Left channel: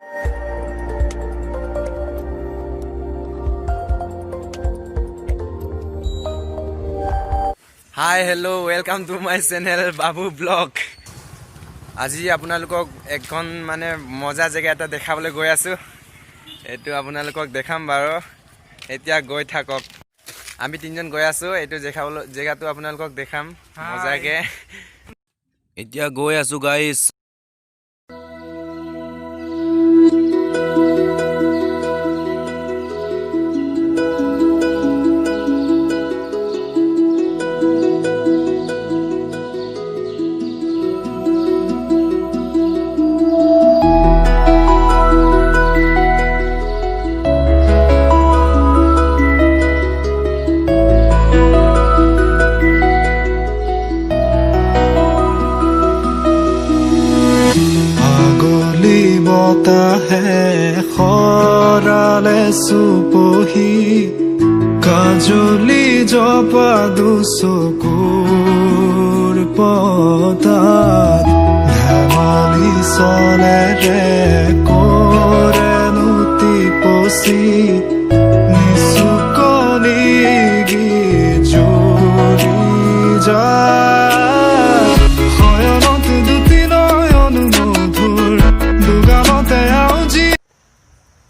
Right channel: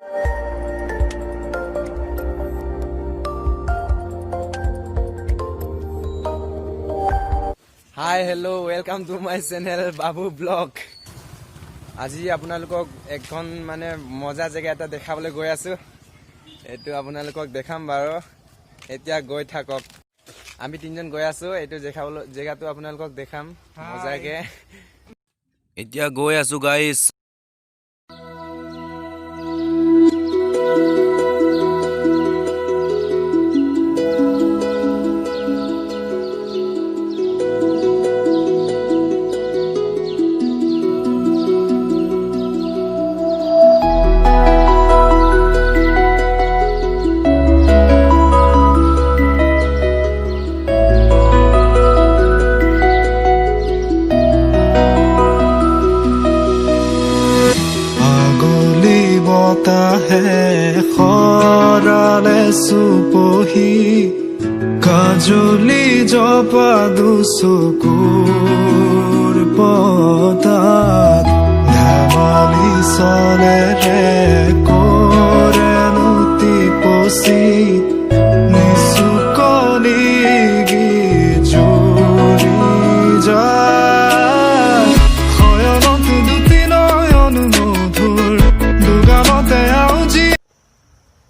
Hi, hello, welcome to my channel Babu Vlog. আজি আপোনালোকক এখন মানে মজা জায়গা এটা দেখাবলৈ গৈ আছো। এটো আপোনালোকক দেখাম বাৰু। এতিয়া গৈ থাকক। আমি তিনজন গৈ আছো। এটো দেখাবলৈ জায়গাটো আপোনালোকক দেখাম মজাকে। এতিয়া গৈ আছো গাইস। बता है खराले सुपही काजली जपा दुसुकुर पतात धमाली सले रे कोरे नुति पोसी निसुकनी गि जुरी जा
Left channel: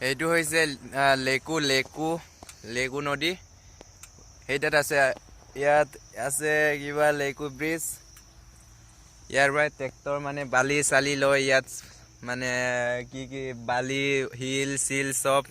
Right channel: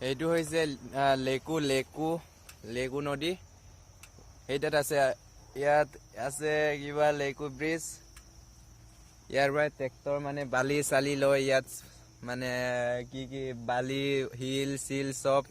এইটো হৈছে লেকু নদী এইটাত আছে ইয়াত আছে কিবা লেকু ব্ৰিজ ইয়াৰ পৰা ট্ৰেক্টৰ মানে বালি চালি লয় ইয়াত মানে কি বালি হিল সিল সব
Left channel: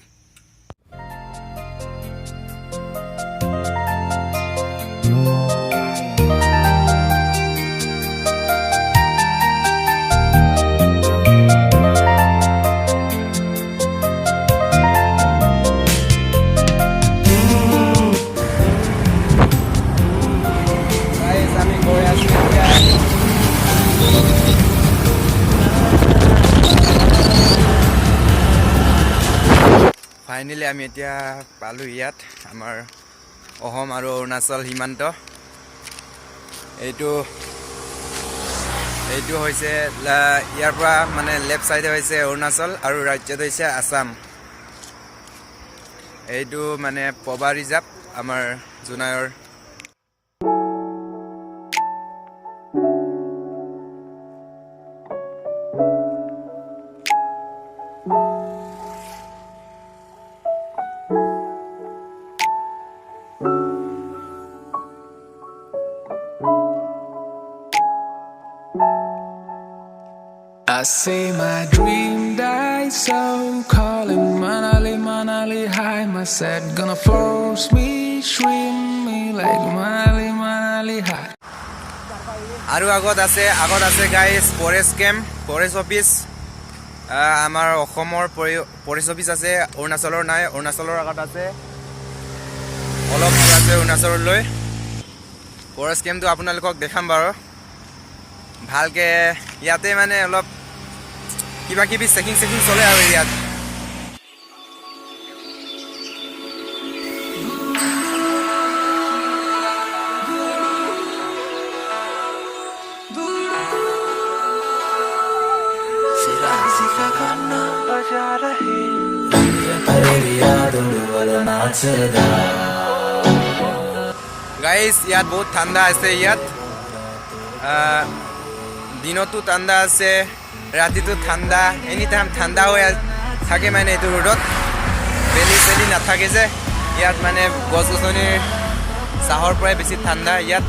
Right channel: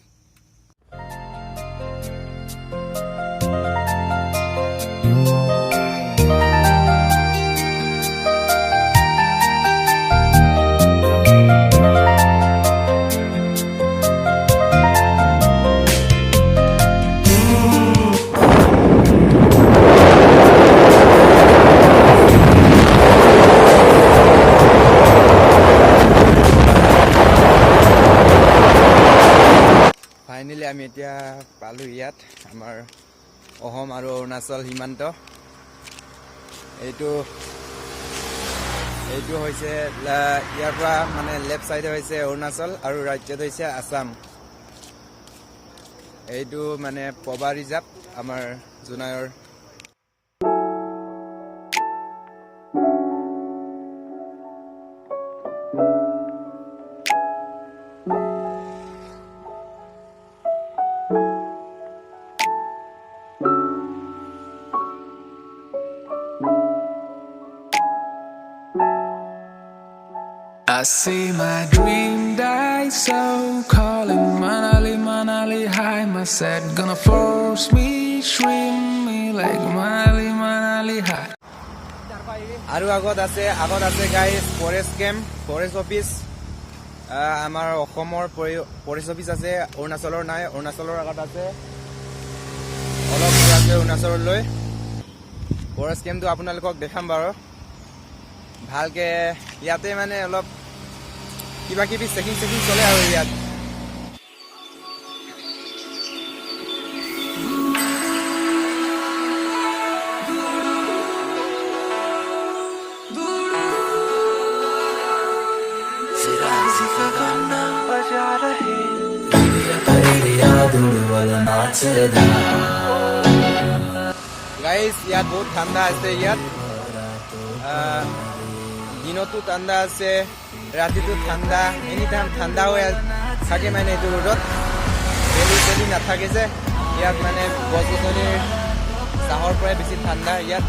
ফাইনালি আমি এতিয়া পালো ইয়াত আমাৰ অসম আৰু অৰুণাচল সীমান্ত এইটো হৈছে ইয়াৰ পৰা মানে লেফট সাইডে হৈছে অৰুণাচল আৰু ৰাজ্যত হৈছে আসাম এইটো মানে poba ৰিজাৰ্ভ আমাৰ জোনাইৰ I see my dream die so calling Manali high my set gonna force me shrimp me like Manali high আৰু আগত আছে গাইস ফৰেষ্ট অফিচ আমাৰ অসমৰ ফৰেষ্ট অফিচ আছে অৰুণাচলৰ নাই অৰুণাচলৰ আগত আছে অলপ দূৰ আছে অৰুণাচললৈ ফৰেষ্ট কেম্পটো আপোনালোকক দেখাম বাৰু ভালকে ইয়াতে মানে অলপ কিবা কিবি চেকিং চলে আৰু ইয়াত গাইস ইয়াত বহুত ঠাণ্ডা আছে ইয়াত দিনতো ঠাণ্ডা আছে ৰাতিটো ঠাণ্ডা এনি টাইম ঠাণ্ডা হৈ থাকে মানে এইটো ৰোডত বেলি নাথাকে যে ইয়াত মানে গছ গছনিৰ চাহৰ পৰাই বেছি ঠাণ্ডা ইয়াত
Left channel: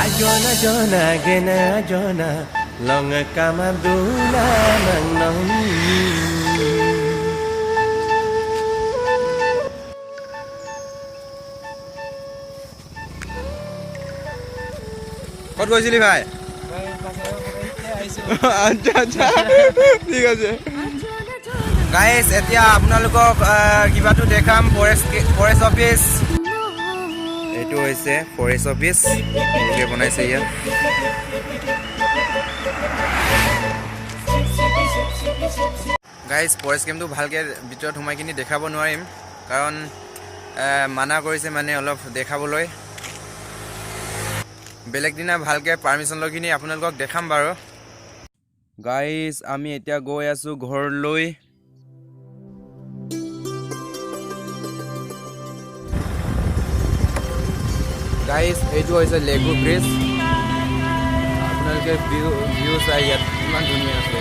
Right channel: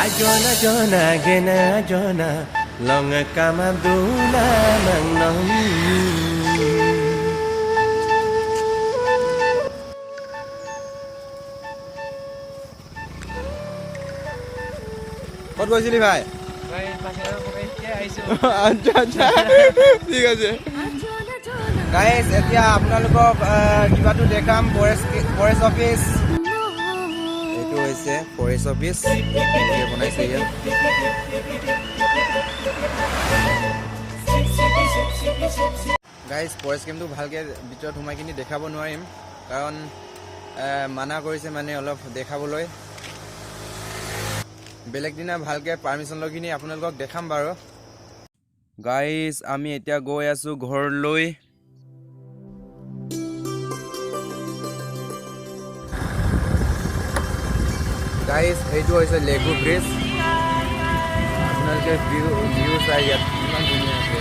Ajona gena jona long kamaduna nang ক'ত গৈছিলি ভাই আচ্ছা ঠিক আছে গাইস এতিয়া আপোনালোকক কিবাটো দেখাম ফৰেষ্ট অফিচ এইটো হৈছে ফৰেষ্ট অফিচ কি বনাইছে ইয়াত গাইস ফৰেষ্ট কেম্পটো ভালকে ভিতৰত সোমাই কিনি দেখাব নোৱাৰিম কাৰণ মানা কৰিছে মানে অলপ দেখাবলৈ বেলেগ দিনা ভালকে পাৰমিশন লৈ কিনি আপোনালোকক দেখাম বাৰু গাইজ আমি এতিয়া গৈ আছো ঘৰলৈ গাইজ এইটো হৈছে লেকু ব্ৰিজ আপোনালোকে ভিউ চাই ইয়াত ইমান ধুনীয়া আছে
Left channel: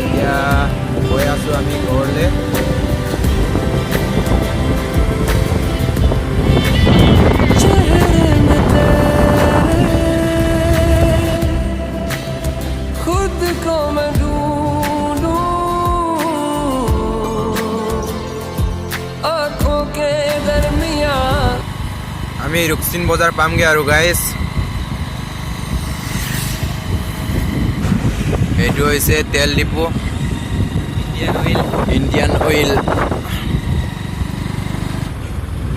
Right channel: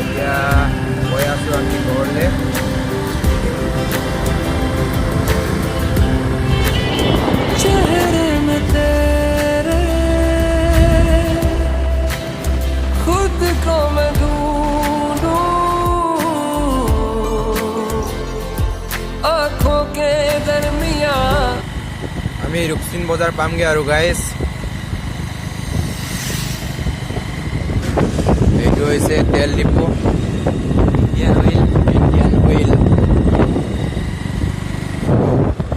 এতিয়া গৈ আছো আমি ঘৰলৈ चेहरे में तेरे खुद को मैं ढूंढूं आँखों के दरमियां আমি ৰুকচিন বজাৰ পামগে আৰু গাইজ এইটো হৈছে তেল ডিপো ইণ্ডিয়ান অইল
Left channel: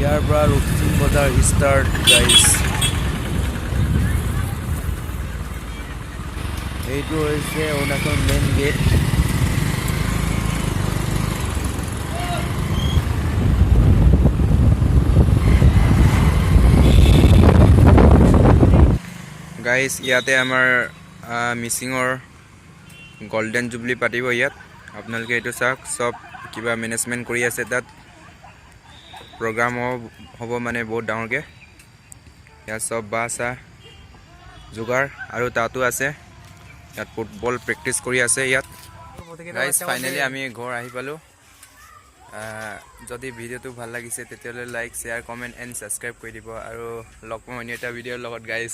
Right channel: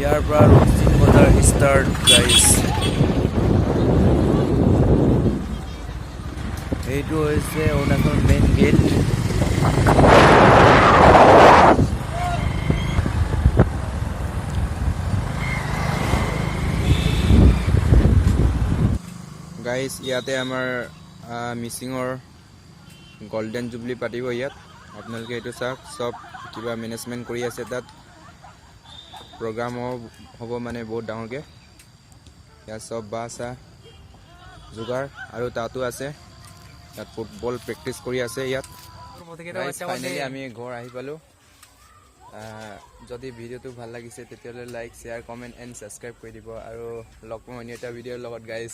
ইয়াৰ পৰা ৰুকচিন বজাৰ ষ্টাৰ্ট গাইজ এইটো হৈছে অৰুণাচল মেইন গেট গাইজ ইয়াতে আমাৰ মিচিঙৰ গোল্ডেন জুবলি পাতিব ইয়াত আপোনালোকে এইটো চাওক সব কিবা মেনেজমেণ্ট কৰি আছে তাত প্ৰগ্ৰাম হ'ব মানে বহুত ডাঙৰকৈ ইয়াত সব বাছা যোগাৰ আৰু তাতো আছে ইয়াত ফুটবল প্ৰেক্টিচ কৰি আছে ইয়াত গাইজ ফাইনেলি আমি ঘৰ আহি পালোঁ যদি ভিডিঅ'টো ভাল লাগিছে তেতিয়াহ'লে like share comment and subscribe কৰি দিব আৰু লগ পাম অন্য এটা ভিডিঅ'ৰ লগত গাইজ